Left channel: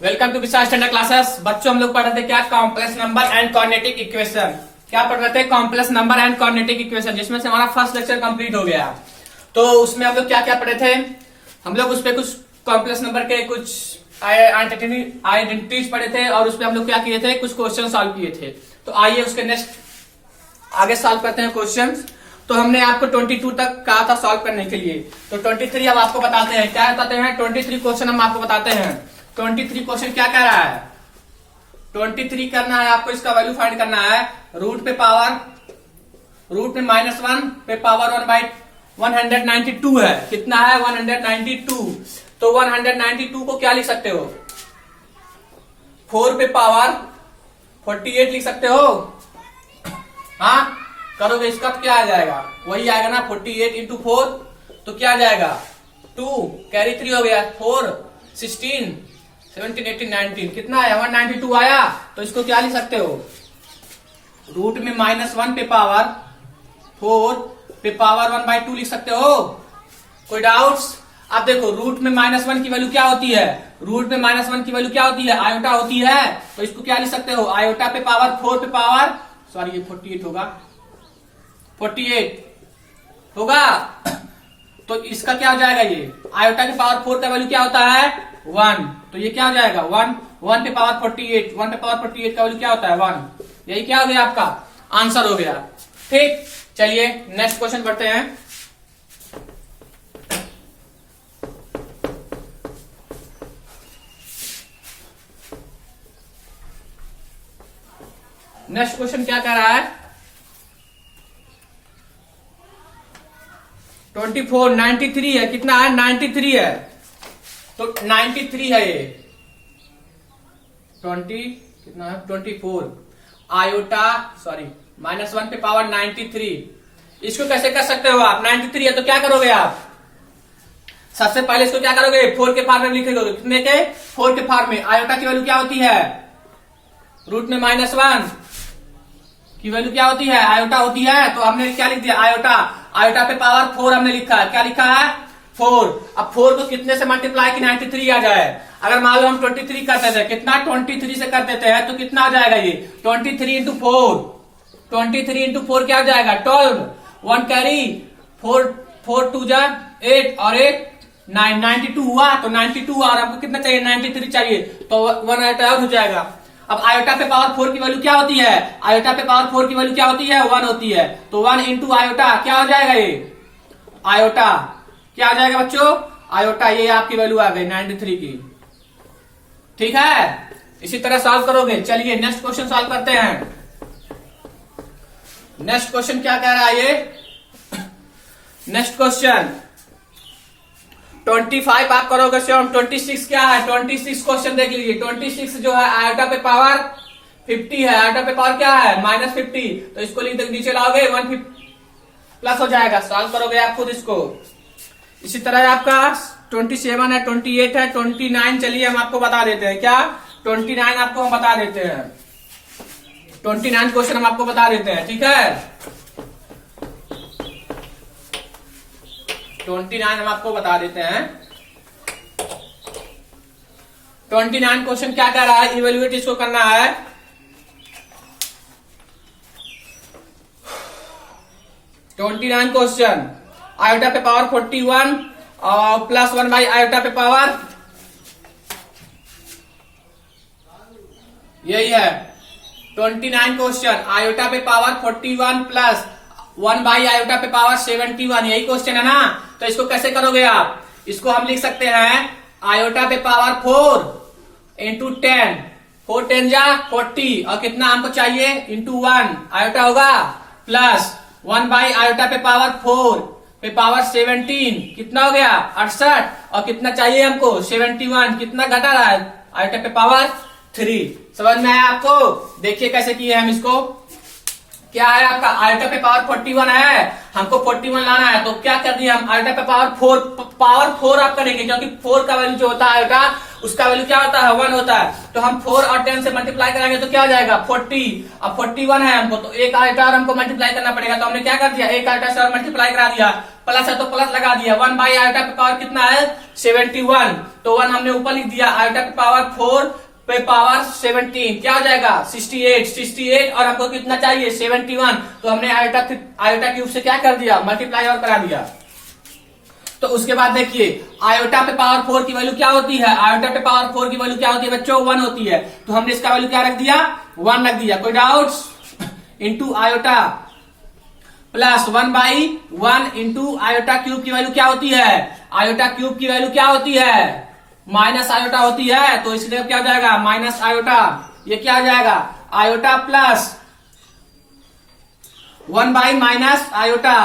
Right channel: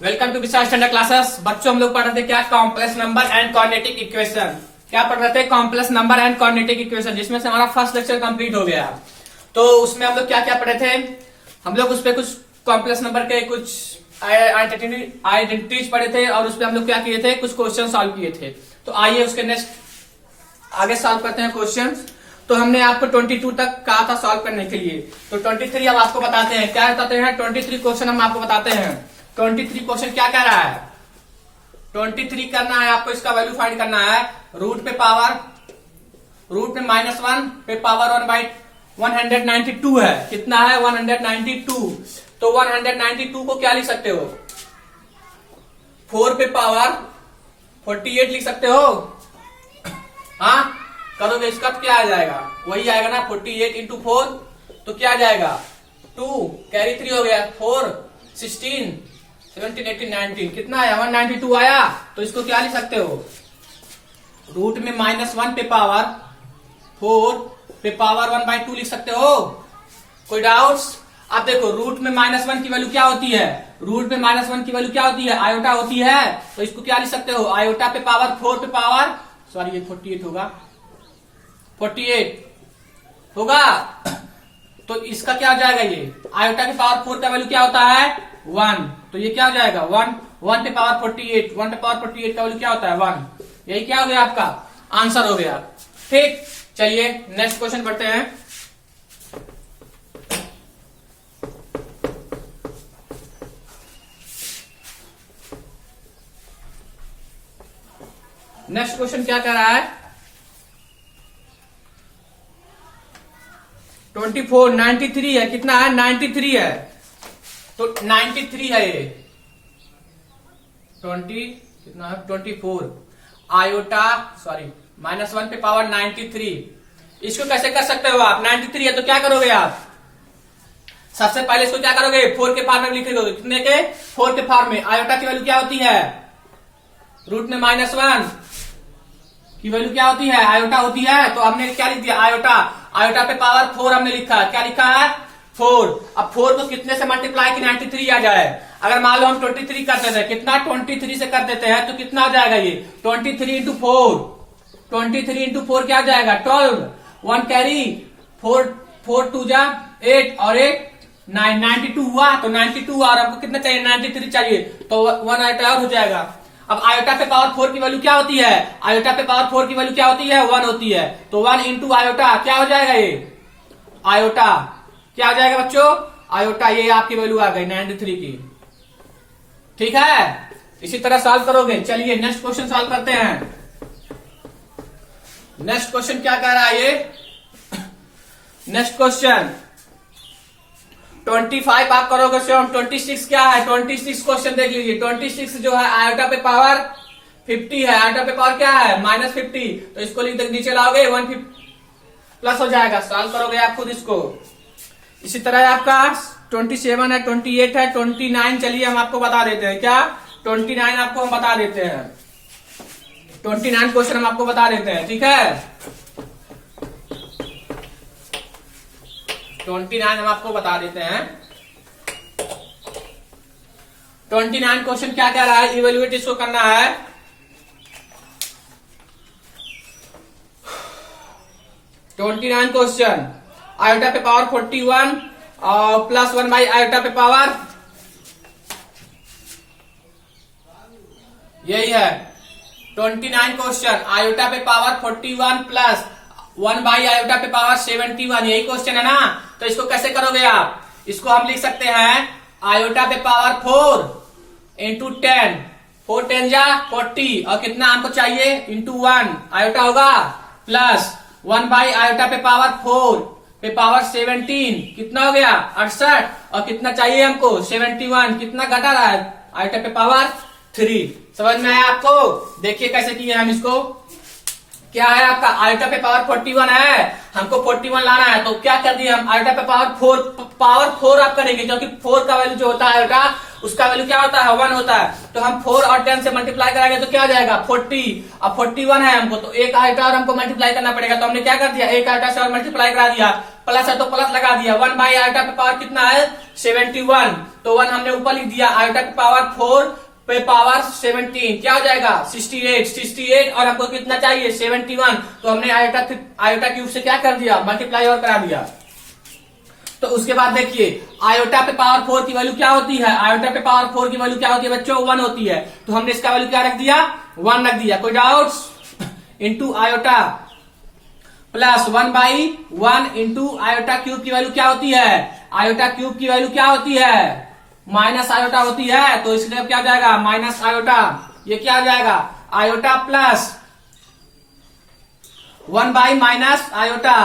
Welcome to Vishal standard classes. बच्चों हम लोग पढ़ रहे थे क्या, complex number and quadratic equation. क्या पढ़ रहे थे? Complex number and quadratic equation, जिसमें से हमारा फर्स्ट लेक्चर कंप्लीट हो गया। तो उसमें हम लोग क्या क्या पढ़े थे? हम लोग उस पर कुछ कॉम्प्लेक्स नंबर के कुछ आइडेंटिटीज पढ़े थे और उसपे हम लोग क्या किए थे, कुछ क्वेश्चन सॉल्व किए थे। तो आइए उसके नेक्स्ट आगे सॉल्व करते हैं क्वेश्चन। तो हमने आपको 22 तक कहा था सॉल्व करने के लिए, तो 23 अब आपको बताते हैं। क्या बताते हैं? 23 क्वेश्चन हम आपको बताते हैं। 23 क्वेश्चन क्या कह रहा है? 23 करना है आपको, इसका वैल्यू फाइंड करना है। रूट में -1 पे पावर 1/192 है। कितना है? 192। तो 192 को क्या लिख सकते हो? 4 पे पावर 48 लिख सकते हो। हाँ, करोगे इसका तो क्या आ जाएगा? वही आएगा ना, 48 इंटू 4 तो क्या आ जाएगा? 2 कैरी 3 हो गया, 4 16 17 18 19 कितना आया? 192 आया। तो इसको क्या लिख सकते हो? रूट में -1 पे पावर 4 पे पावर 1/2 लिख सकते हो। कोई डाउट्स? अब देखो, रूट में -1 की वैल्यू क्या होती है? रूट में -1 की वैल्यू क्या होती है? आयोटा होती है। तो इसको क्या लिख सकते हो? आयोटा पे पावर 4 पे पावर, सॉरी ये 48 होगा, 48 होगा। तो इसका क्या हो जाएगा? ये आयोटा के पावर 4 का वैल्यू क्या होता है? 1। तो ये क्या हो जाएगा? 1 पे पावर 48, 1 पे पावर 48 का वैल्यू क्या होता है? 1। यही क्या हो गया? आपका आंसर हो गया। ठीक, चलिए नेक्स्ट क्वेश्चन पढ़ते हैं। नेक्स्ट क्वेश्चन क्या कह रहा है? 24 93 है। कितना है? 93 है। तो 93 है ये 20 कितना है? 24 आयोटा, सॉरी -1 पे पावर 93। इसको कैसे कर सकते हो आप? 93 है तो क्या करोगे आप? सबसे पहले इसको क्या करोगे? 4 के फार्म में लिखेगे। कितने के? 4 के फार्म में। आयोटा की वैल्यू क्या होती है? रूट में -1 की वैल्यू क्या होती है? आयोटा होती है। तो हमने क्या लिख दिया? आयोटा। आयोटा पे पावर 4 हमने लिखा है। क्या लिखा है? 4। अब 4 को कितने से मल्टीप्लाई कि 93 आ जाए? अगर मान लो हम 23 करते थे, कितना 23 से कर देते हैं तो कितना आ जाएगा? ये 23 इंटू 4, 23 इंटू 4 क्या आ जाएगा? 12। 1 कैरी 4 2 जा 8 और 8 9 92 हुआ। तो 92 और आपको कितना चाहिए? 93 चाहिए। तो 1 आयोटा और हो जाएगा। अब आयोटा पे पावर 4 की वैल्यू क्या होती है? आयोटा पे पावर 4 की वैल्यू क्या होती है? 1 होती है। तो 1 इंटू आयोटा क्या हो जाएगा? ये आयोटा क्या आ जाएगा बच्चों? आयोटा। ये आपकी वैल्यू आ गई 93 की। ठीक है, इसी तरह सॉल्व करोगे। चलिए नेक्स्ट क्वेश्चन सॉल्व करते हैं। नेक्स्ट क्वेश्चन क्या कह रहा है ये? नेक्स्ट क्वेश्चन 25 आप करोगे से 26 क्या है? 26 क्वेश्चन देख लीजिए। 26 जो है आयोटा पे पावर 50 है। आयोटा पे पावर क्या है? -50। तो इसको लिख दे, नीचे लाओगे 150 प्लस हो जाएगा। सॉल्व करोगे आप खुद इसको। इसी तरह आपका 27 है, 28 है, 29। चलिए हम आपको बता देते हैं। क्या? 29 आपको हम बता देते हैं। 29 क्वेश्चन हम आपको बता देते हैं। ठीक है, 29 हम आपको बता देते हैं। 29 क्वेश्चन क्या कह रहा है? इवेल्युएट इसको करना है। क्वेश्चन आयोटा पे पावर 41 और प्लस 1 बाई आयोटा पे पावर, यही है 29 क्वेश्चन। आयोटा पे पावर 41 प्लस 1 बाई आयोटा पे पावर 71, यही क्वेश्चन है ना। तो इसको कैसे करोगे आप? इसको हम लिख सकते हैं आयोटा पे पावर 4 इंटू 10, 4 10 जा 40 और कितना हमको चाहिए? इंटू 1 आयोटा होगा, प्लस 1 बाई आयोटा पे पावर 4 पे पावर 17 कितना हो गया? 68 और कितना चाहिए हमको? 71। कितना घटा रहा है? आयोटा पे पावर 3। समझ में आया आपको? देखिए कैसे किए हम इसको। क्या है आपका आयोटा पे पावर 41 है, हमको 41 लाना है। तो क्या कर दिया हम, आयोटा पे पावर 4 आप करेंगे, क्योंकि 4 का वैल्यू जो होता है आयोटा उसका वैल्यू क्या होता है 1 होता है। तो हम 4 और 10 से मल्टीप्लाई कराएंगे तो क्या हो जाएगा 40। अब 41 है हमको, तो एक आयोटा और हमको मल्टीप्लाई करना पड़ेगा। तो हमने क्या कर दिया, एक आयोटा से और मल्टीप्लाई करा दिया, प्लस है तो प्लस लगा दिया। 1 बाई आयोटा पे पावर कितना है 71, तो 1 हमने ऊपर लिख दिया। आयोटा पे पावर 4 पे पावर 17 क्या हो जाएगा 68 और हमको कितना चाहिए 71। तो हमने आयोटा क्यूब से क्या कर दिया मल्टीप्लाई और करा दिया। तो उसके बाद देखिए आयोटा पे पावर 4 की वैल्यू क्या होती है, आयोटा पे पावर 4 की वैल्यू क्या होती है बच्चों 1 होती है। तो हमने इसका वैल्यू क्या रख दिया 1 रख दिया। कोई doubts, into iota plus 1 by 1 into iota cube की वैल्यू क्या होती है, आयोटा क्यूब की वैल्यू क्या होती है माइनस आयोटा होती है। तो इसलिए क्या हो जाएगा माइनस आयोटा, ये क्या हो जाएगा iota plus 1 by minus iota,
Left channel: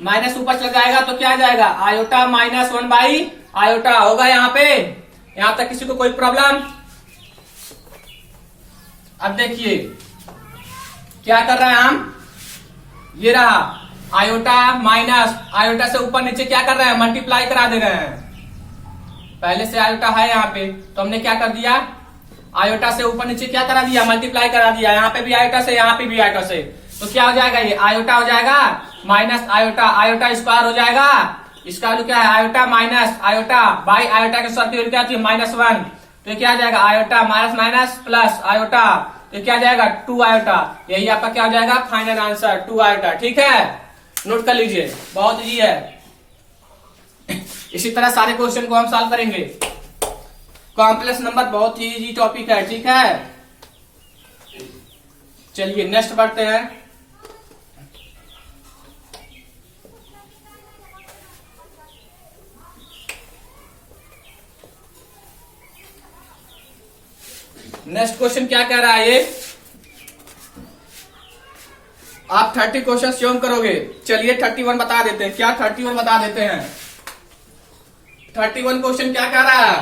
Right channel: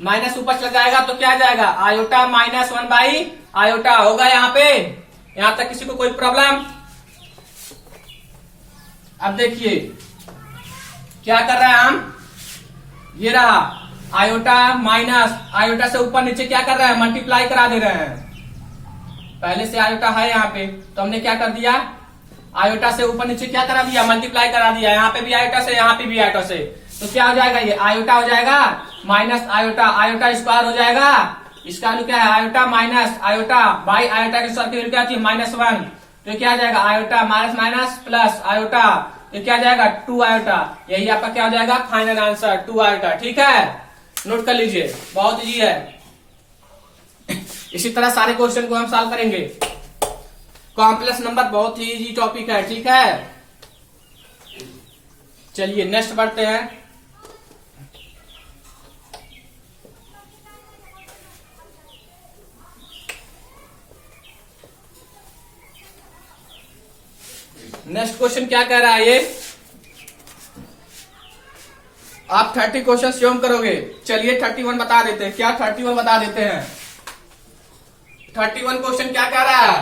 minus ऊपर चल जाएगा तो क्या आ जाएगा आयोटा माइनस 1 बाई आयोटा होगा। यहाँ पे यहां तक किसी को कोई प्रॉब्लम। अब देखिए क्या कर रहे हैं हम, ये रहा आयोटा माइनस आयोटा से ऊपर नीचे क्या कर रहे हैं मल्टीप्लाई करा दे रहे हैं। पहले से आयोटा है यहाँ पे, तो हमने क्या कर दिया आयोटा से ऊपर नीचे क्या करा दिया मल्टीप्लाई करा दिया। यहाँ पे भी आयोटा से यहाँ पे भी आयोटा से, तो क्या हो जाएगा ये आयोटा हो जाएगा माइनस आयोटा, आयोटा स्क्वायर हो जाएगा। इसका वैल्यू क्या है iota minus iota by iota के स्क्वायर की वैल्यू क्या होती है -1। तो ये क्या आ जाएगा iota minus minus plus iota, ये क्या आ जाएगा 2 आयोटा। यही आपका क्या हो जाएगा फाइनल आंसर 2 आयोटा। ठीक है, नोट कर लीजिए, बहुत इजी है। इसी तरह सारे क्वेश्चन को हम सॉल्व करेंगे। कॉम्प्लेक्स नंबर बहुत ही इजी टॉपिक है। ठीक है, चलिए नेक्स्ट बढ़ते हैं। नेक्स्ट क्वेश्चन क्या कह रहा है ये, आप 30 क्वेश्चन स्वयं करोगे। चलिए 31 बता देते हैं, क्या 31 बता देते हैं। 31 क्वेश्चन क्या कह रहा है,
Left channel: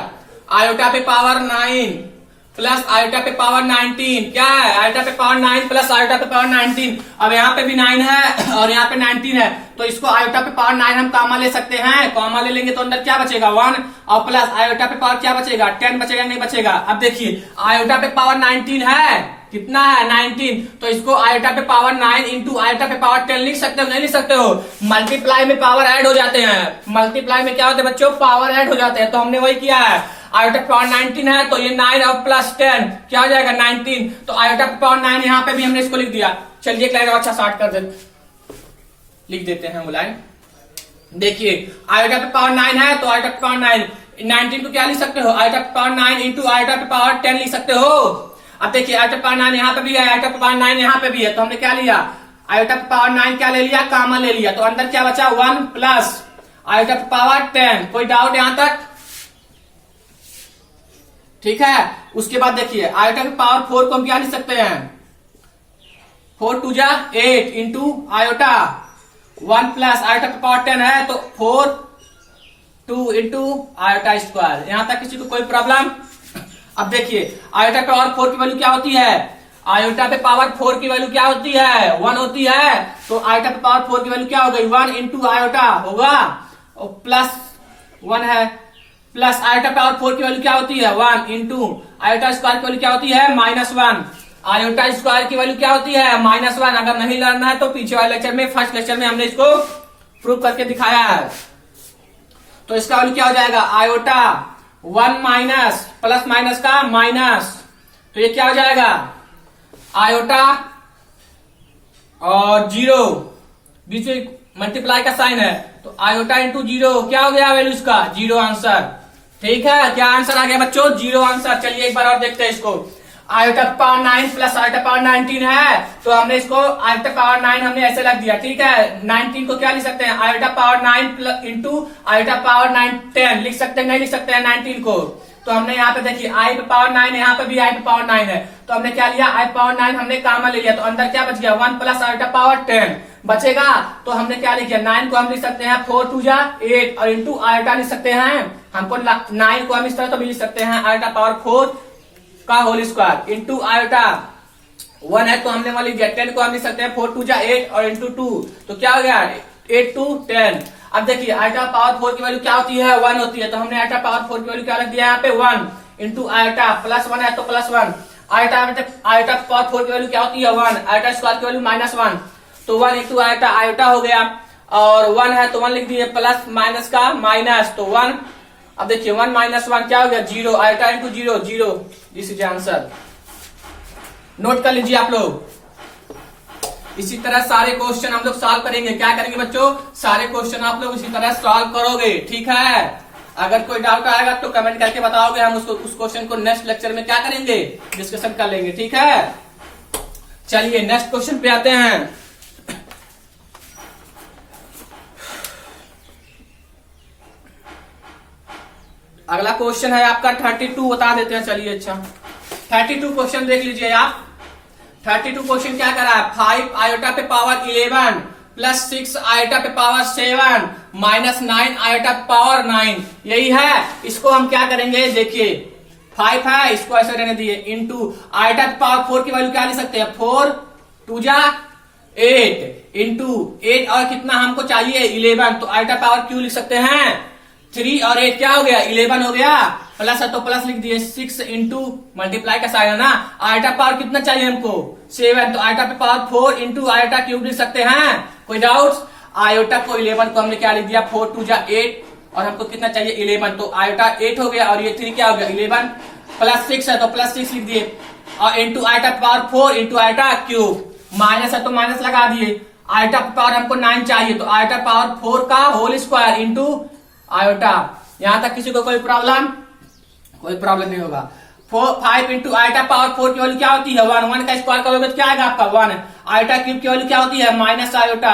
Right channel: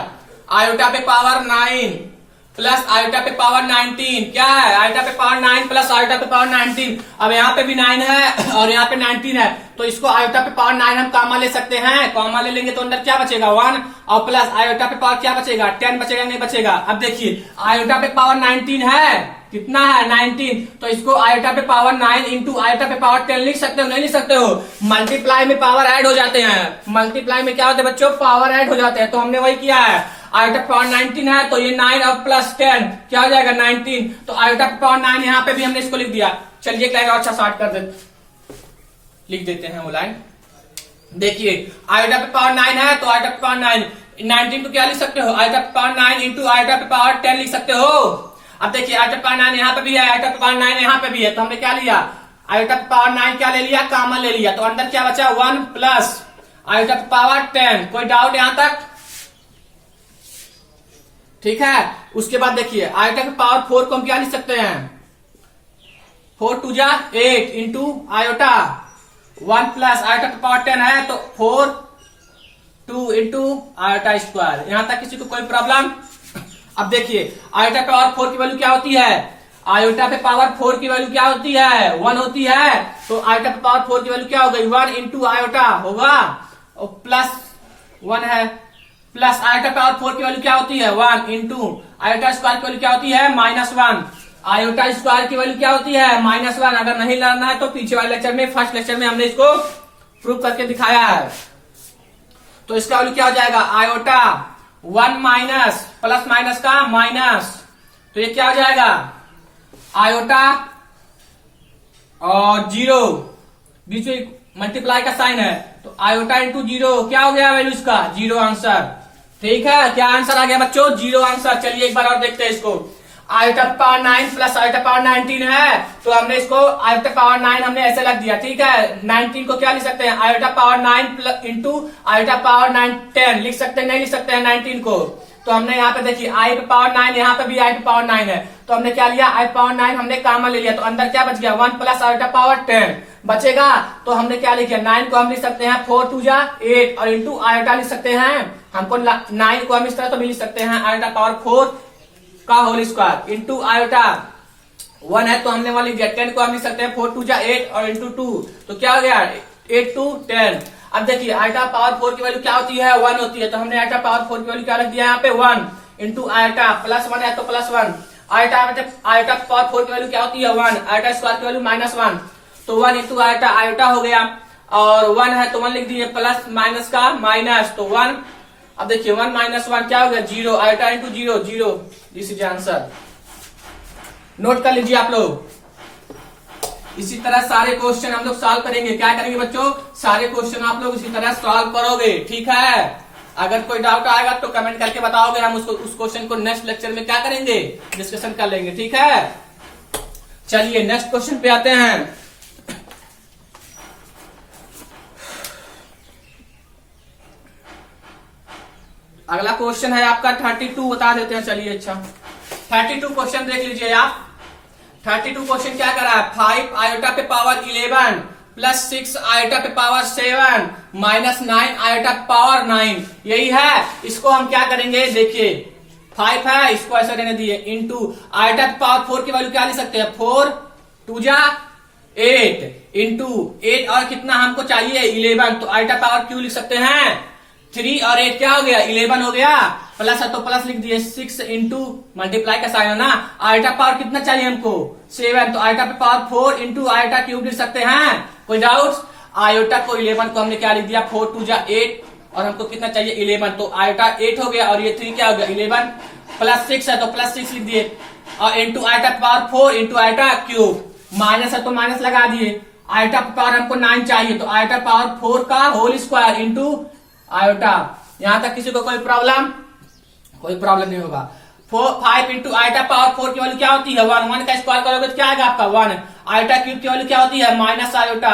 आयोटा पे पावर 9 प्लस आयोटा पे पावर 19 क्या है, आयोटा पे पावर 9 प्लस आयोटा पे पावर 19। अब यहाँ पे भी 9 है और यहाँ पे 19 है, तो इसको आयोटा पे पावर 9 हम कॉमा ले सकते हैं। कॉमा ले लेंगे तो अंदर क्या बचेगा 1 और प्लस आयोटा पे पावर क्या बचेगा 10 बचेगा नहीं बचेगा। अब देखिए आयोटा पे पावर 19 है, कितना है 19, तो इसको आयोटा पे पावर 9 इंटू आयोटा पे पावर 10 लिख सकते हो नहीं लिख सकते हो। मल्टीप्लाई में पावर ऐड हो जाते हैं, मल्टीप्लाई में क्या होते हैं बच्चों पावर ऐड हो जाते हैं। तो हमने वही किया है, आयोटा पे पावर 19 है तो ये 9 और प्लस 10 क्या हो जाएगा 19। तो आयोटा पे पावर 9 यहाँ पे भी हमने इसको लिख दिया। चलिए एक लाइन और अच्छा स्टार्ट कर देते, लिख देते हैं वो लाइन। देखिए आयोटा पे पावर 9 है तो आयोटा पे पावर 9 19 को क्या लिख सकते हो आयोटा पे पावर 9 इंटू आयोटा पे पावर 10 लिख सकते हो। अब देखिए आयोटा पे पावर 9 यहाँ पे भी है, आयोटा पे पावर 9 यहाँ पे भी है, तो हमने क्या लिया आयोटा पे पावर 9 क्या ले लिया कॉमन ले लिया। तो अंदर क्या बचा 1 प्लस आयोटा पे पावर 10। कोई डाउट यहां तक, ठीक है। उसके बाद देखिए आयोटा पे पावर 4 को हम क्या लिख सकते हैं 4 2 जा 8 इंटू आयोटा 1 प्लस आयोटा पे पावर 10 है तो 4 2 इंटू आयोटा स्क्वायर। यहां तक किसी को कोई प्रॉब्लम। अब देखिए आयोटा पे पावर 4 की वैल्यू क्या होती है, आयोटा पे पावर 4 की वैल्यू क्या होती है 1 होती है। तो आयोटा पे पावर 4 की वैल्यू क्या हो गई 1 इंटू आयोटा होगा और प्लस 1 है, प्लस आयोटा पावर 4 की वैल्यू क्या होती है 1 इंटू आयोटा स्क्वायर की वैल्यू क्या होती है -1। आयोटा स्क्वायर की वैल्यू क्या होती है -1। अगर नहीं लर्न है तो पीछे वाले लेक्चर में फर्स्ट लेक्चर में हमने इसको प्रूव करके दिखाया है। तो इसका वैल्यू क्या हो जाएगा आयोटा 1 माइनस प्लस माइनस का माइनस, तो ये क्या हो जाएगा आयोटा और 0 बीच में मल्टीप्लाई का साइन है तो आयोटा इंटू 0 क्या हो गया वैल्यू इसका 0 आंसर। ठीक है, क्या आंसर आ गया बच्चों 0 आंसर। चलिए एक बार और देखते हैं इसको। Iota power 9 plus iota power 19 है तो हमने इसको आयोटा पावर 9 हमने ऐसे रख दिया। ठीक है, 19 को क्या लिख सकते हैं iota power 9 into iota power 9 10 लिख सकते हैं नहीं लिख सकते हैं 19 को। तो हमने यहाँ पे देखिए आई पे पावर 9 यहाँ पे भी आई पे पावर 9 है तो हमने क्या लिया आई पावर 9 हमने कॉमन ले लिया। तो अंदर क्या बच गया 1 प्लस आयोटा पावर 10 बचेगा। तो हमने क्या लिखा 9 को हम लिख सकते हैं 4 2 जा 8 और इंटू आयोटा लिख सकते हैं हमको 9 को हम इस तरह तो भी लिख सकते हैं आयोटा पावर 4 का होल स्क्वायर इंटू आयोटा 1 है तो हमने मान लिख दिया, 10 को हम लिख सकते हैं 4 2 जा 8 और इंटू 2 तो क्या हो गया 8 2 10। अब देखिए आयटा पावर 4 की वैल्यू क्या होती है 1 होती है, तो हमने आयटा पावर 4 की वैल्यू क्या रख दिया यहाँ पे 1 इंटू आयटा प्लस 1 है तो प्लस 1, आयटा पावर 4 की वैल्यू क्या होती है 1, आयटा स्क्वायर की वैल्यू -1 तो 1 इंटू आयटा आयटा हो गया, और 1 है तो 1 लिख दिए प्लस माइनस का माइनस तो 1। अब देखिए 1 - 1 क्या हो गया 0, eta into 0 0, this is answer. Note कर लीजिए आप लोग। इसी तरह सारे क्वेश्चन हम लोग सॉल्व करेंगे। क्या करेंगे बच्चों, सारे क्वेश्चन आप लोग इसी तरह सॉल्व करोगे, ठीक है। अगर कोई डाउट आएगा तो कमेंट करके बताओगे, हम उसको उस क्वेश्चन को नेक्स्ट लेक्चर में क्या करेंगे डिस्कशन कर लेंगे, ठीक है। चलिए नेक्स्ट क्वेश्चन पे आते हैं। अगला क्वेश्चन है आपका 32, बता देते हैं। चलिए अच्छा 32 क्वेश्चन देख लीजिए आप। 32 क्वेश्चन क्या करा है, 5 आयोटा पे पावर 11 प्लस 6 आयोटा पे पावर 7 माइनस 9 आयोटा पे पावर 9, यही है। इसको हम क्या करेंगे, देखिए 5 है इसको ऐसे रहने दिए इंटू आयोटा पे पावर 4 की वैल्यू क्या लिख सकते हैं 4 2 जा 8 इंटू 8 और कितना हमको चाहिए 11 तो आयोटा पावर क्यू लिख सकते हैं 3 और 8 क्या हो गया 11 हो गया, प्लस है तो प्लस लिख दिए 6 इंटू मल्टीप्लाई का साइन है ना, आयटा पावर कितना चाहिए हमको 7 तो आयटा पे पावर 4 इंटू आयटा क्यूब लिख सकते हैं। कोई डाउट्स, आयोटा को 11 को हमने क्या लिख दिया 4 2 जा 8 और हमको कितना चाहिए 11 तो आयटा 8 हो गया और ये 3 क्या हो गया 11 प्लस 6 है तो प्लस 6 लिख दिए और into eta power 4 into eta cube, minus है तो माइनस लगा दिए, आयटा पावर हमको 9 चाहिए तो आयटा पावर 4 का होल स्क्वायर इंटू आयोटा। यहां तक किसी को कोई प्रॉब्लम, कोई प्रॉब्लम नहीं होगा। 5 इंटू आयटा पावर 4 की वैल्यू क्या होती है 1, 1 का स्क्वायर करोगे तो क्या आएगा आपका 1, आयटा क्यूब की वैल्यू क्या होती है माइनस आयोटा,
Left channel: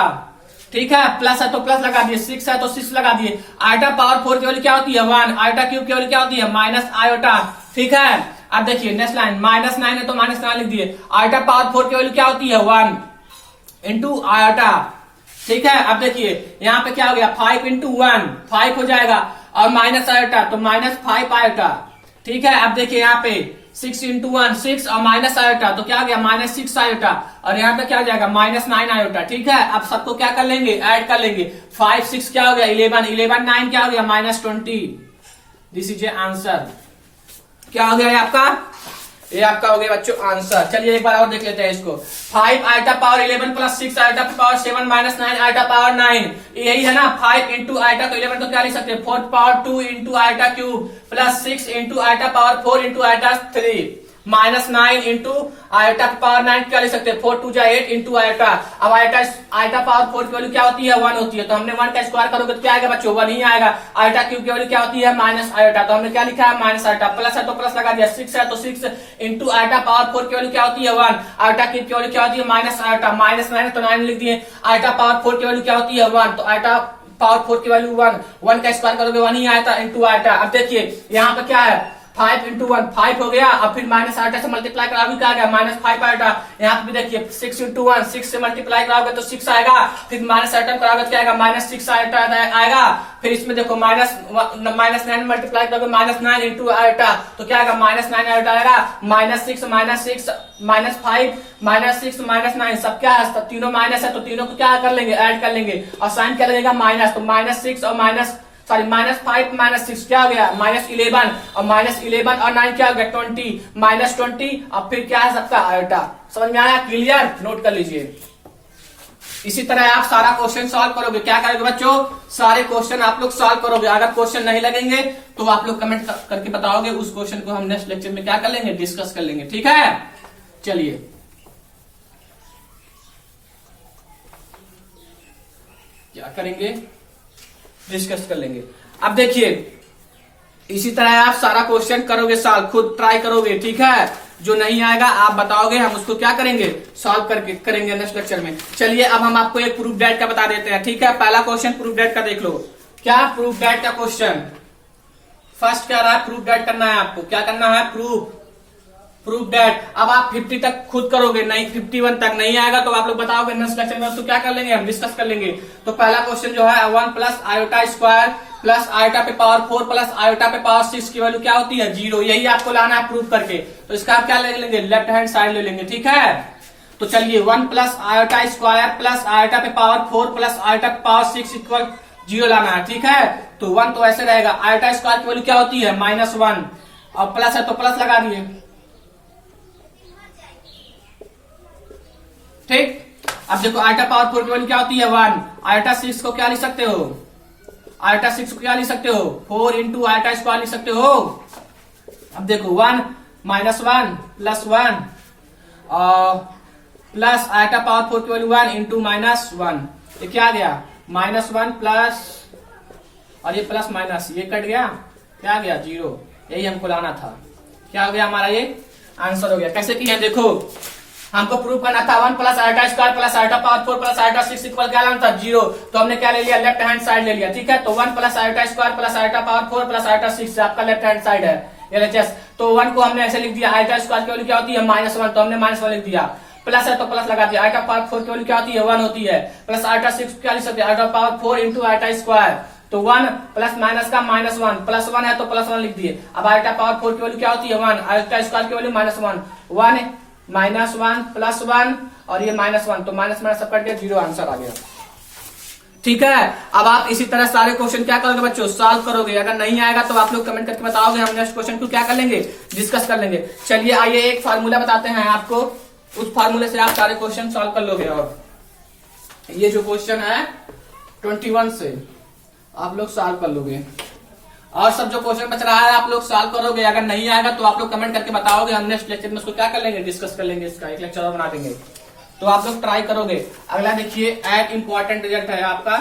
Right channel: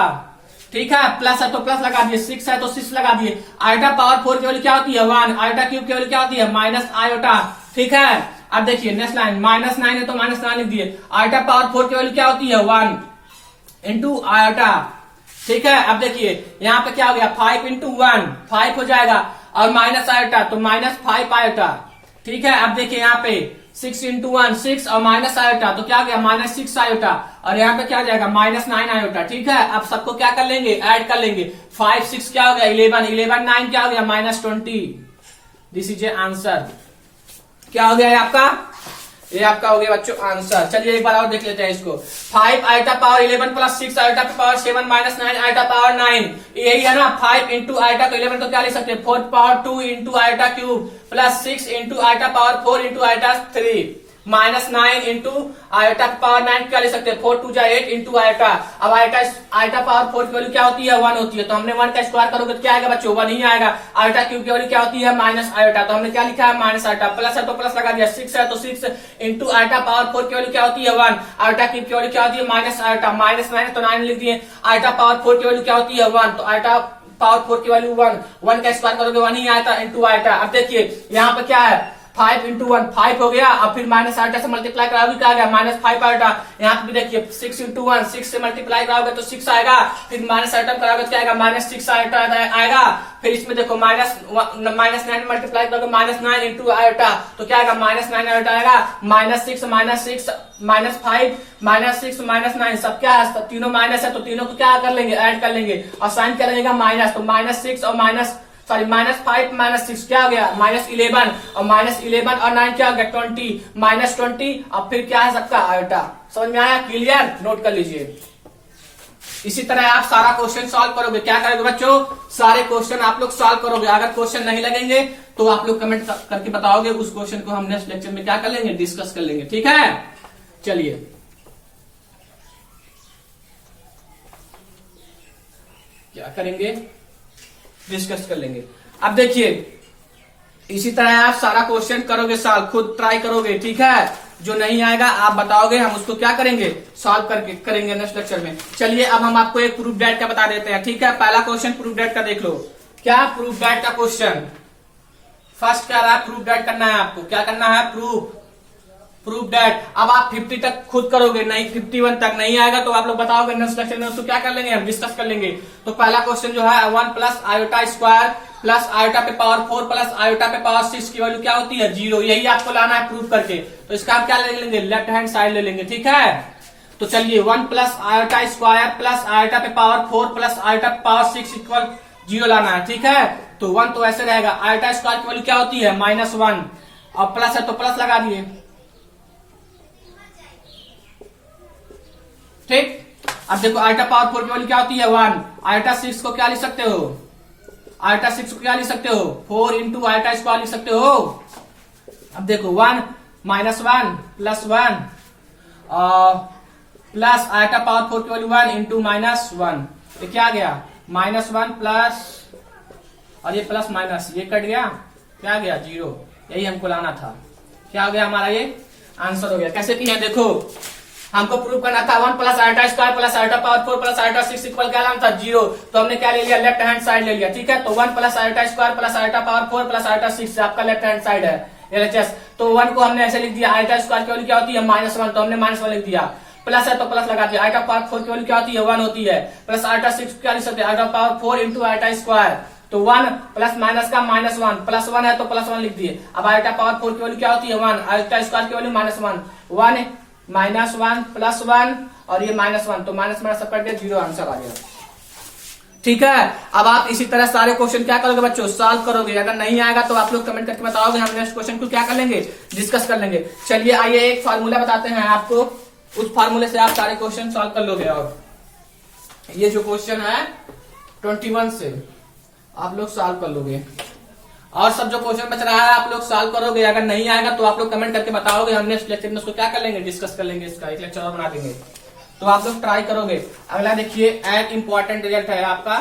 ठीक है। प्लस है तो प्लस लगा दिए, 6 है तो 6 लगा दिए, आयटा पावर 4 की वैल्यू क्या होती है 1, आयटा क्यूब की वैल्यू क्या होती है माइनस आयोटा, ठीक है। अब देखिए नेक्स्ट लाइन -9 है तो -9 लिख दिए, आयटा पावर 4 की वैल्यू क्या होती है 1 इंटू आयोटा, ठीक है। अब देखिए यहाँ पे क्या हो गया 5 इंटू 1 5 हो जाएगा और माइनस आयोटा तो -5 आयोटा, ठीक है। अब देखिए यहाँ पे 6 इंटू 1 6 और माइनस आयोटा तो क्या हो गया -6 आयोटा और यहाँ पे क्या हो जाएगा -9 आयोटा, ठीक है। अब सबको क्या कर लेंगे ऐड कर लेंगे, 5 6 क्या हो गया 11 11 9 क्या हो गया -20, दिस इज ए आंसर। क्या हो गया ये आपका, ये आपका हो गया बच्चों आंसर। चलिए एक बार और देख लेते हैं इसको, 5 eta power 11 plus 6 eta power 7 minus 9 eta power 9, यही है ना। 5 इंटू आयटा को 11 तो क्या लिख सकते हैं 4 power 2 into eta cube plus 6 into eta power 4 into eta 3 minus 9 into eta power 9 क्या लिख सकते हैं 4 2 जा 8 इंटू आयटा। अब आयटा पावर 4 की वैल्यू क्या होती है 1 होती है तो हमने 1 का स्क्वायर करोगे तो क्या आएगा बच्चों 1 ही आएगा। आयटा क्यूब की वैल्यू क्या होती है माइनस आयटा तो हमने क्या लिखा है माइनस आयटा, प्लस है तो प्लस लगा दिया, 6 है तो 6 इंटू आयटा पावर 4 की वैल्यू क्या होती है 1, आयटा क्यूब की वैल्यू क्या होती है माइनस आयटा, माइनस 9 तो 9 लिख दिए, आयटा पावर 4 की वैल्यू क्या होती है 1 तो आयटा पावर 4 की वैल्यू 1 का स्क्वायर करोगे 1 ही आयता इंटू आयटा। अब देखिए यहाँ पे क्या है 5 इंटू 1 5 हो गया और फिर माइनस आयटा से मल्टीप्लाई कराओगे क्या आ गया -5 आयटा। यहाँ पे भी देखिए 6 इंटू 1 6 से मल्टीप्लाई कराओगे तो 6 आएगा, फिर माइनस आयटा कराओगे तो क्या आएगा -6 आयटा आएगा। फिर इसमें देखो -9 मल्टीप्लाई करोगे -9 इंटू आयटा तो क्या आएगा -9 आयटा आएगा, -6 -5 -6 -9 सब क्या है, सब तीनों माइनस है तो तीनों को क्या कर लेंगे ऐड कर लेंगे और साइन क्या लगेगा माइनस, तो -6 और -5 -6 क्या हो गया -11 और -11 और 9 क्या हो गया 20 -20 और फिर क्या है सबका आयटा। समझ में आया, क्लियर, नोट कर लीजिए। इसी तरह आप सारा क्वेश्चन सॉल्व करोगे। क्या करोगे बच्चों, सारे क्वेश्चन आप लोग सॉल्व करोगे। अगर क्वेश्चन नहीं लगेंगे तो आप लोग कमेंट करके बताओगे, उस क्वेश्चन को हम नेक्स्ट लेक्चर में क्या कर लेंगे डिस्कस कर लेंगे, ठीक है। चलिए क्या करेंगे डिस्कस कर लेंगे। अब देखिए इसी तरह आप सारा क्वेश्चन करोगे सॉल्व, खुद ट्राई करोगे, ठीक है। जो नहीं आएगा आप बताओगे, हम उसको क्या करेंगे सॉल्व करके करेंगे नेक्स्ट लेक्चर में। चलिए अब हम आपको एक प्रूफ दैट का बता देते हैं, ठीक है। पहला क्वेश्चन प्रूफ दैट का देख लो। क्या प्रूफ दैट का क्वेश्चन फर्स्ट क्या रहा है, प्रूफ दैट करना है आपको। क्या करना है प्रूफ दैट। अब आप 50 तक खुद करोगे, नहीं 51 तक नहीं आएगा तो आप लोग बताओगे नेक्स्ट लेक्चर में, तो क्या कर लेंगे हम डिस्कस कर लेंगे। तो पहला क्वेश्चन जो है 1 plus iota square plus iota पे पावर 4 प्लस आयोटा पे पावर 6 की वैल्यू क्या होती है 0, यही आपको लाना है प्रूफ करके। तो इसका आप क्या ले लेंगे लेफ्ट हैंड साइड ले लेंगे, ठीक है। तो चलिए 1 plus iota square plus iota पे पावर 4 प्लस आयोटा पे पावर 6 इक्वल 0 लाना है, ठीक है। तो 1 तो ऐसे रहेगा, आयोटा स्क्वायर की वैल्यू क्या होती है -1, और प्लस है तो प्लस लगा दिए, ठीक। अब देखो आयोटा पावर 4 की वैल्यू क्या होती है 1, आयोटा 6 को क्या लिख सकते हो, आयोटा 6 को क्या लिख सकते हो 4 इंटू आयोटा स्क्वायर लिख सकते हो। अब देखो 1 -1 प्लस 1 प्लस आयोटा पावर 4 की वैल्यू 1 इंटू -1, ये क्या आ गया -1 प्लस, और ये प्लस माइनस ये कट गया, क्या आ गया 0, यही हमको लाना था। क्या हो गया हमारा, ये आंसर हो गया। कैसे किया देखो, हमको प्रूव करना था 1 plus iota square plus iota power 4 plus iota 6 equal क्या लाना था 0, तो हमने क्या ले लिया लेफ्ट हैंड साइड ले लिया, ठीक है। तो 1 plus iota square plus iota power 4 plus iota 6 आपका लेफ्ट हैंड साइड है LHS। तो 1 को हमने ऐसे लिख दिया, आयोटा स्क्वायर की वैल्यू क्या होती है -1, तो हमने -1 लिख दिया, प्लस है तो प्लस लगा दिया, आयोटा पावर 4 की वैल्यू क्या होती है 1 होती है, प्लस आयोटा 6 क्या लिख सकते हैं iota power 4 into iota square, तो 1 प्लस माइनस का -1, प्लस 1 है तो प्लस 1 लिख दिए। अब आयोटा पावर 4 की वैल्यू क्या होती है 1, आयोटा स्क्वायर की वैल्यू -1, 1 -1 प्लस 1 और ये -1, तो माइनस माइनस सब कट गया 0, आंसर आ गया, ठीक है। अब आप इसी तरह सारे क्वेश्चन क्या करोगे बच्चों, सॉल्व करोगे। अगर नहीं आएगा तो आप लोग कमेंट करके बताओगे, हम नेक्स्ट क्वेश्चन को क्या कर लेंगे, डिस्कस कर लेंगे। चलिए आइए एक फार्मूला बताते हैं आपको, उस फार्मूले से आप सारे क्वेश्चन सॉल्व कर लोगे। और ये जो क्वेश्चन है 21 से आप लोग सॉल्व कर लोगे, और सब जो क्वेश्चन बच रहा है आप लोग सॉल्व करोगे। अगर नहीं आएगा तो आप लोग कमेंट करके बताओगे, हम नेक्स्ट लेक्चर में उसको क्या कर लेंगे, डिस्कस कर लेंगे, इसका एक लेक्चर और बना देंगे, तो आप लोग ट्राई करोगे। अगला देखिए, एक इंपॉर्टेंट रिजल्ट है आपका,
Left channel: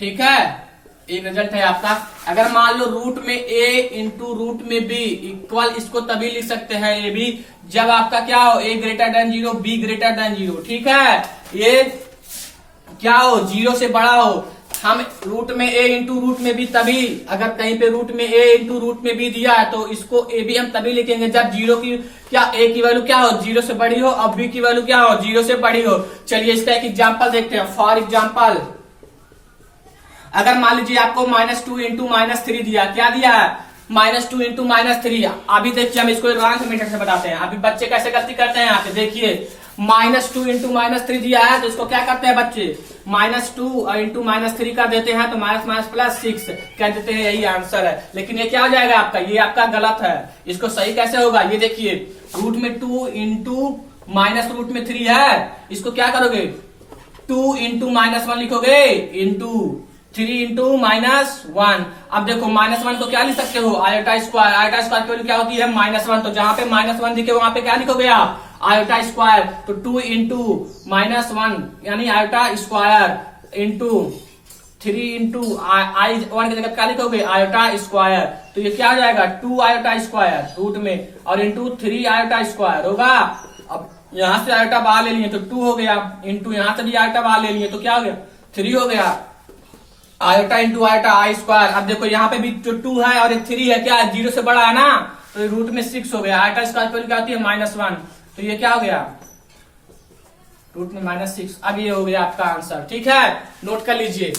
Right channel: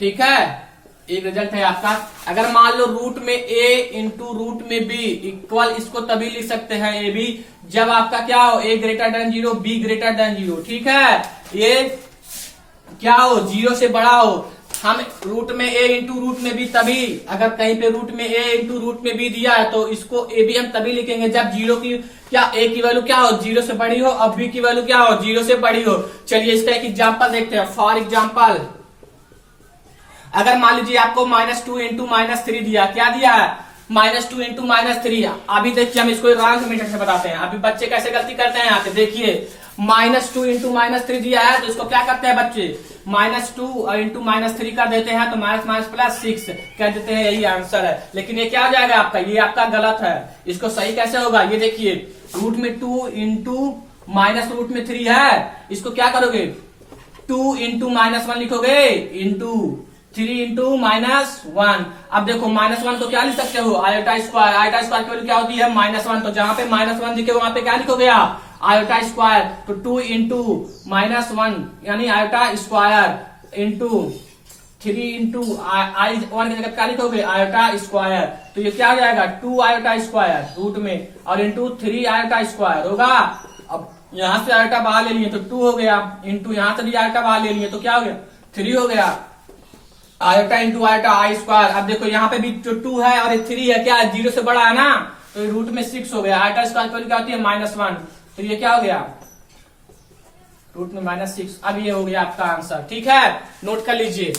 ठीक है। एक रिजल्ट है आपका, अगर मान लो रूट में a इंटू रूट में b इक्वल, इसको तभी लिख सकते हैं ए बी जब आपका क्या हो a greater than 0 b greater than 0, ठीक है। ये क्या हो 0 से बड़ा हो, हम रूट में a इंटू रूट में b तभी, अगर कहीं पे रूट में a इंटू रूट में b दिया है तो इसको a b हम तभी लिखेंगे जब 0 की क्या a की वैल्यू क्या हो 0 से बड़ी हो और b की वैल्यू क्या हो 0 से बड़ी हो। चलिए इसका एक एग्जाम्पल देखते हैं। फॉर एग्जाम्पल, अगर मान लीजिए आपको -2 इंटू -3 दिया, क्या दिया है -2 इंटू -3। अभी देखिए हम इसको रॉन्ग मेथड से बताते हैं, अभी बच्चे कैसे गलती करते हैं यहाँ पे देखिए, -2 इंटू -3 दिया है तो इसको क्या करते हैं बच्चे, -2 इंटू -3 कर देते हैं, तो -+6 कह देते हैं, यही आंसर है। लेकिन ये क्या हो जाएगा आपका, ये आपका गलत है, इसको सही कैसे होगा, ये देखिए रूट में 2 इंटू माइनस रूट में 3 है, इसको क्या करोगे 2 इंटू -1 लिखोगे इंटू 3 इंटू -1। अब देखो -1 को क्या लिख सकते हो आयोटा स्क्वायर, आयोटा स्क्वायर की वैल्यू क्या होती है -1, तो जहां पे -1 दिखे वहां पे क्या लिखोगे आप आयोटा स्क्वायर, तो 2 इंटू -1 यानी iota square into 3 into I1 की जगह क्या लिखोगे आयोटा स्क्वायर, तो ये क्या हो जाएगा 2 आयोटा स्क्वायर रूट में और इंटू 3 आयोटा स्क्वायर होगा। अब यहां से आयोटा बाहर ले लिए तो 2 हो गया, इंटू यहां से भी आयोटा बाहर ले लिए तो क्या हो गया 3 हो गया, आयोटा इंटू आयोटा आई स्क्वायर। अब देखो यहाँ पे भी जो 2 है और 3 है क्या है 0 से बड़ा है ना, तो रूट में 6 हो गया, आयोटा स्क्वायर की क्या होती है -1, तो ये क्या हो गया रूट में -6। अब ये हो गया आपका आंसर, ठीक है। नोट कर लीजिए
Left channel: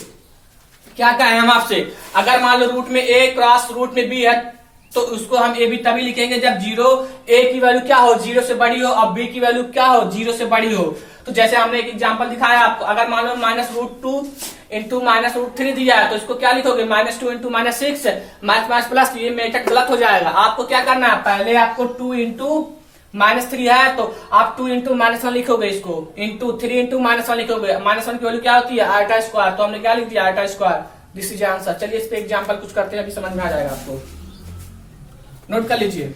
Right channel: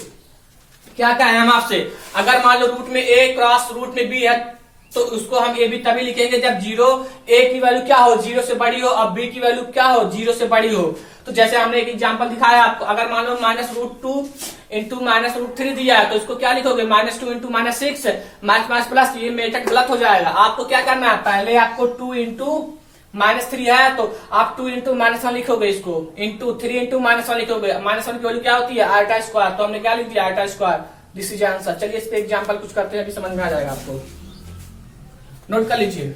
क्या कहे हम आपसे, अगर मान लो रूट में a क्रॉस रूट में b है तो उसको हम ए बी तभी लिखेंगे जब 0 a की वैल्यू क्या हो 0 से बड़ी हो और b की वैल्यू क्या हो 0 से बड़ी हो। तो जैसे हमने एक एग्जांपल दिखाया आपको, अगर मान लो -√2 इंटू -√3 दिया है तो इसको क्या लिखोगे -2 इंटू -6 माइनस प्लस, ये मेथड गलत हो जाएगा। आपको क्या करना है, पहले आपको 2 इंटू -3 है तो आप 2 इंटू -1 लिखोगे, इसको इंटू 3 इंटू -1 लिखोगे, -1 की वैल्यू क्या होती है आयोटा स्क्वायर, तो हमने क्या लिख दिया iota square, this is answer. चलिए इस पे एग्जांपल कुछ करते हैं, अभी समझ में आ जाएगा आपको, नोट कर लीजिए।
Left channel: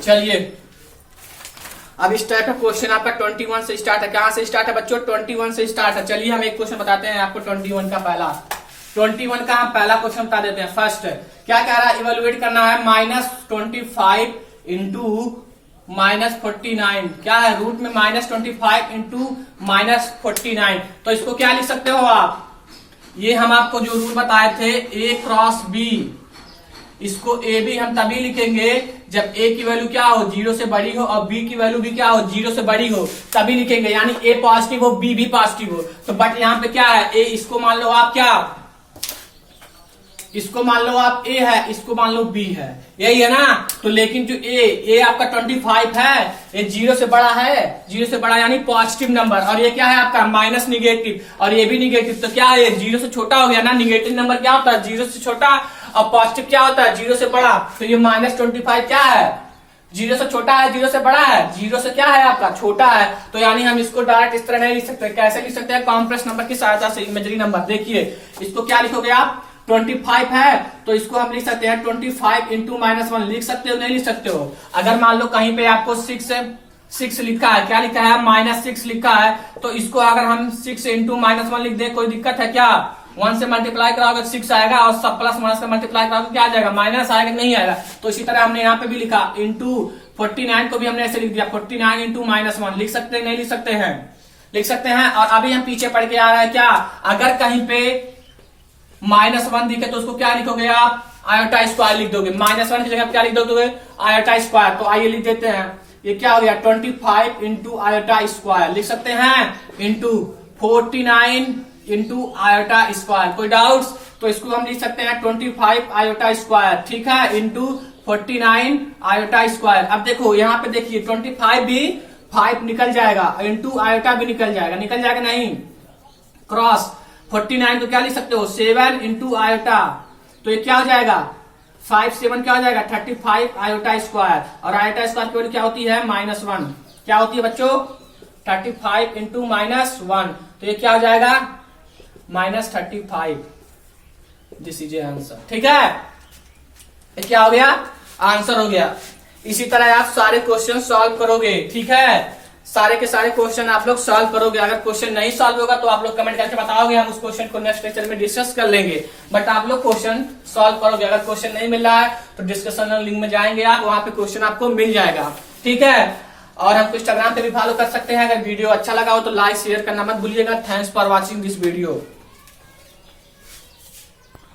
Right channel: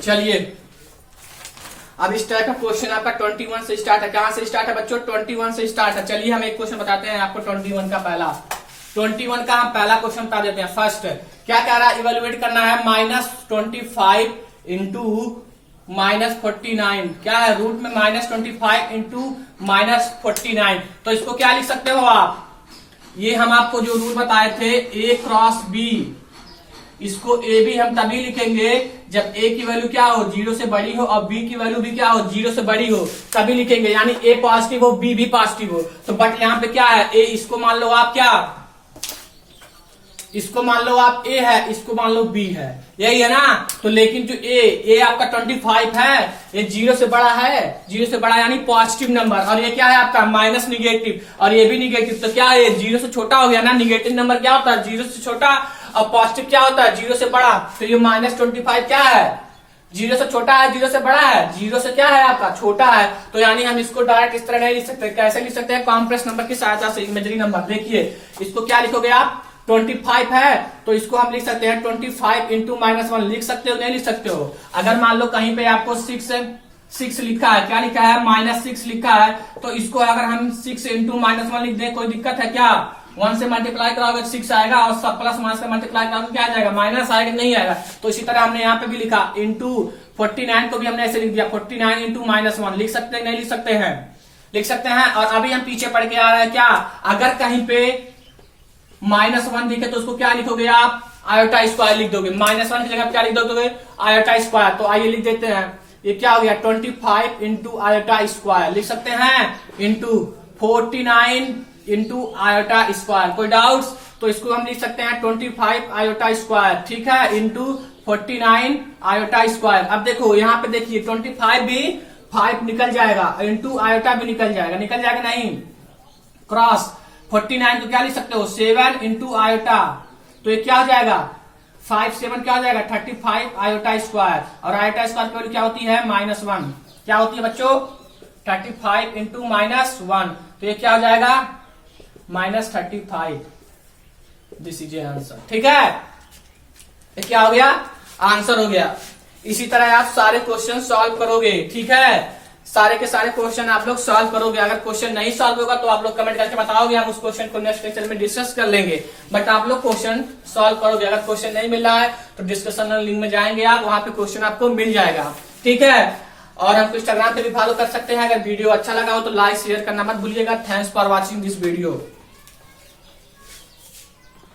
चलिए अब इस टाइप का क्वेश्चन आपका 21 से स्टार्ट है। कहां से स्टार्ट है बच्चों 21 से स्टार्ट है। चलिए हम एक क्वेश्चन बताते हैं आपको 21 का हम पहला क्वेश्चन बता देते हैं। फर्स्ट क्या कह रहा है, इवेलुएट करना है -25 इंटू -49 क्या है, रूट में -25 इंटू -49। तो इसको क्या लिख सकते हो आप, ये हम आपको जो रूट बताए थे a क्रॉस b, इसको ए बी हम तभी लिखेंगे जब ए की वैल्यू क्या हो, 0 से बड़ी हो, और बी की वैल्यू भी क्या हो, 0 से बड़ी हो, तभी लिखेंगे। यानी ए पॉजिटिव हो, बी भी पॉजिटिव हो। तो बट यहाँ पे क्या है, ए, इसको मान लो आप क्या, इसको मान लो आप ए है, इसको मान लो बी है, यही है ना। तो लेकिन जो ए आपका 25 है, ये 0 से बड़ा है, 0 से बड़ा यानी पॉजिटिव नंबर, और ये क्या है आपका माइनस निगेटिव, और ये भी निगेटिव। तो क्या है, 0 से छोटा हो गया ना। निगेटिव नंबर क्या होता है, 0 से छोटा, और पॉजिटिव क्या होता है, 0 से बड़ा। तो ये -25 क्या है, 0 से छोटा है, 0 से बड़ा है, 0 से क्या है आपका छोटा है। तो यानी हम इसको डायरेक्ट इस तरह नहीं लिख सकते, कैसे लिख सकते हैं, कॉम्प्लेक्स नंबर की सहायता से, इमेजिनरी नंबर। देखिए इसको क्या लिखोगे आप, 25 है तो इसको हम लिख सकते हैं 25 इंटू -1, लिख सकते हो नहीं लिख सकते हो। अगर मान लो कहीं पे आपको 6 लिखा है, क्या लिखा है, -6 लिखा है, तो इसको अगर हम 6 इंटू -1 लिख दें, कोई दिक्कत है क्या, 1 से मल्टीप्लाई कराओगे 6 आएगा, और सब प्लस माइनस का मल्टीप्लाई कराओगे क्या आ जाएगा, माइनस आएगा, नहीं आएगा। तो इसी तरह हमने यहाँ पे भी लिखा इंटू 49 को भी हमने ऐसे लिख दिया, 49 इंटू -1 लिख सकते हैं नहीं लिख सकते हैं, लिख सकते हैं। और अभी हम पीछे पढ़ के आ रहे हैं क्या, अगर कहीं पे -1 दिखे तो उसको क्या लिखोगे आप, आयोटा स्क्वायर लिख दोगे। -1 की जगह क्या लिख दोगे, आयोटा स्क्वायर। तो आइए लिख देते हैं, ये क्या हो गया, 25 इंटू आयोटा स्क्वायर लिख सकते हैं, इंटू 49 इंटू आयोटा स्क्वायर। कोई डाउट्स, तो इसको हम लिख सकते हैं 25 आयोटा स्क्वायर, ठीक है, इंटू 49 आयोटा स्क्वायर। अब देखो यहाँ पे देखिए 25 भी 5 निकल जाएगा, इंटू आयोटा भी निकल जाएगा नहीं, क्रॉस 49 को क्या लिख सकते हो, 7 इंटू आयोटा। तो ये क्या हो जाएगा, 5 7 क्या हो जाएगा, 35 आयोटा स्क्वायर। और आयोटा स्क्वायर की वैल्यू क्या होती है, -1। क्या होती है बच्चों, 35 इंटू -1। तो ये क्या हो जाएगा, -35। दिस इज आंसर, ठीक है। ये क्या हो गया, आंसर हो गया। इसी तरह आप सारे क्वेश्चन सॉल्व करोगे, ठीक है, सारे के सारे क्वेश्चन आप लोग सॉल्व करोगे। अगर क्वेश्चन नहीं सॉल्व होगा तो आप लोग कमेंट करके बताओगे, हम उस क्वेश्चन को नेक्स्ट लेक्चर में डिस्कस कर लेंगे। बट आप लोग क्वेश्चन सॉल्व करोगे। अगर क्वेश्चन नहीं मिल रहा है तो डिस्कशन लिंक में जाएंगे आप, वहां पे क्वेश्चन आपको मिल जाएगा, ठीक है। और हमको इंस्टाग्राम पे भी फॉलो कर सकते हैं। अगर वीडियो अच्छा लगा हो तो लाइक शेयर करना मत भूलिएगा। Thanks for watching this video.